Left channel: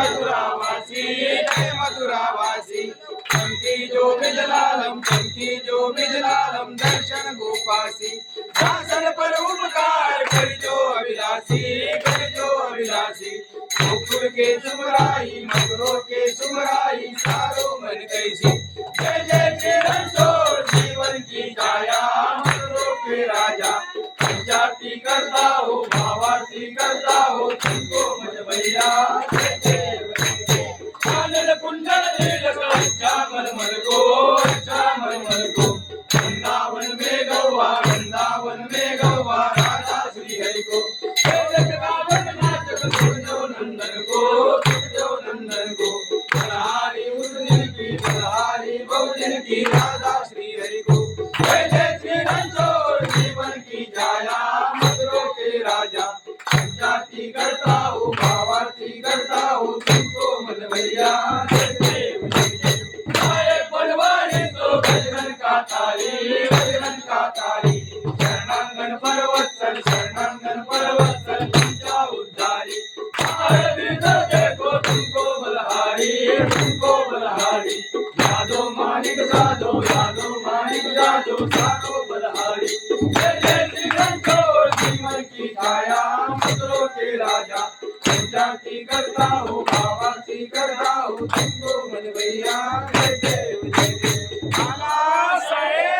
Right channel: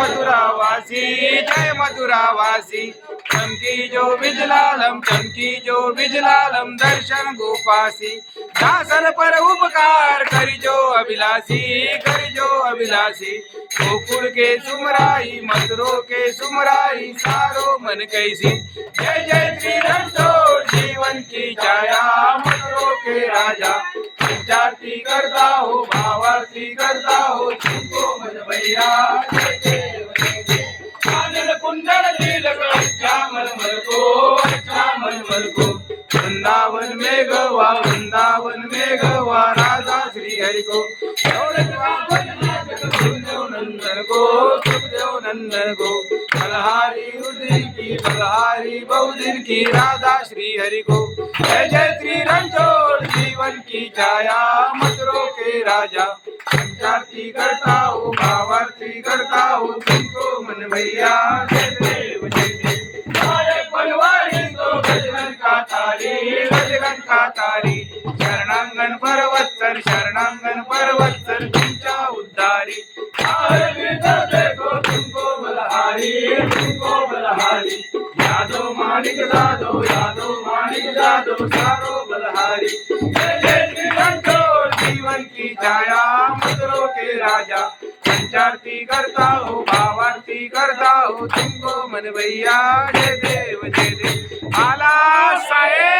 मथुरावासी जय मथुरावासी। चमकी जो बिजलालम दर्शन गोपासी। दासन पर उपकार करी जो अभिलाषी। गोकुल के सुमराई मथुरो के सुमराई सारो मन कैसी। जय जय श्री रणछोड़ जीवन की छाया मथुरो के राजा। पंचारती करता हो भावारती करता हो तुमको मन भैया। आनंद कुंडल तिलक अच्छा मन को। वृंदावन में गवा राधा श्री हरि को। सुखदेव नंदन को बलहारी बहुदिन की राधा श्री हरि को। जय जय श्री रणछोड़ जीवन की छाया मथुरो के राजा। पंचारती करता हो भावारती करता हो तुमको मन भैया। जय देव नायक बनवारी तो गजरन का तारी। शरणांगन परवत्सर तुमच्या उद्धारी। देखो तुमको बलहारी। यादव माणिक जादो सारो बलहारी। जय जय श्री रणछोड़ जीवन की छाया मथुरो के राजा। पंचारती करता हो भावारती करता हो तुमको मन भैया। जय देव माला साहेब।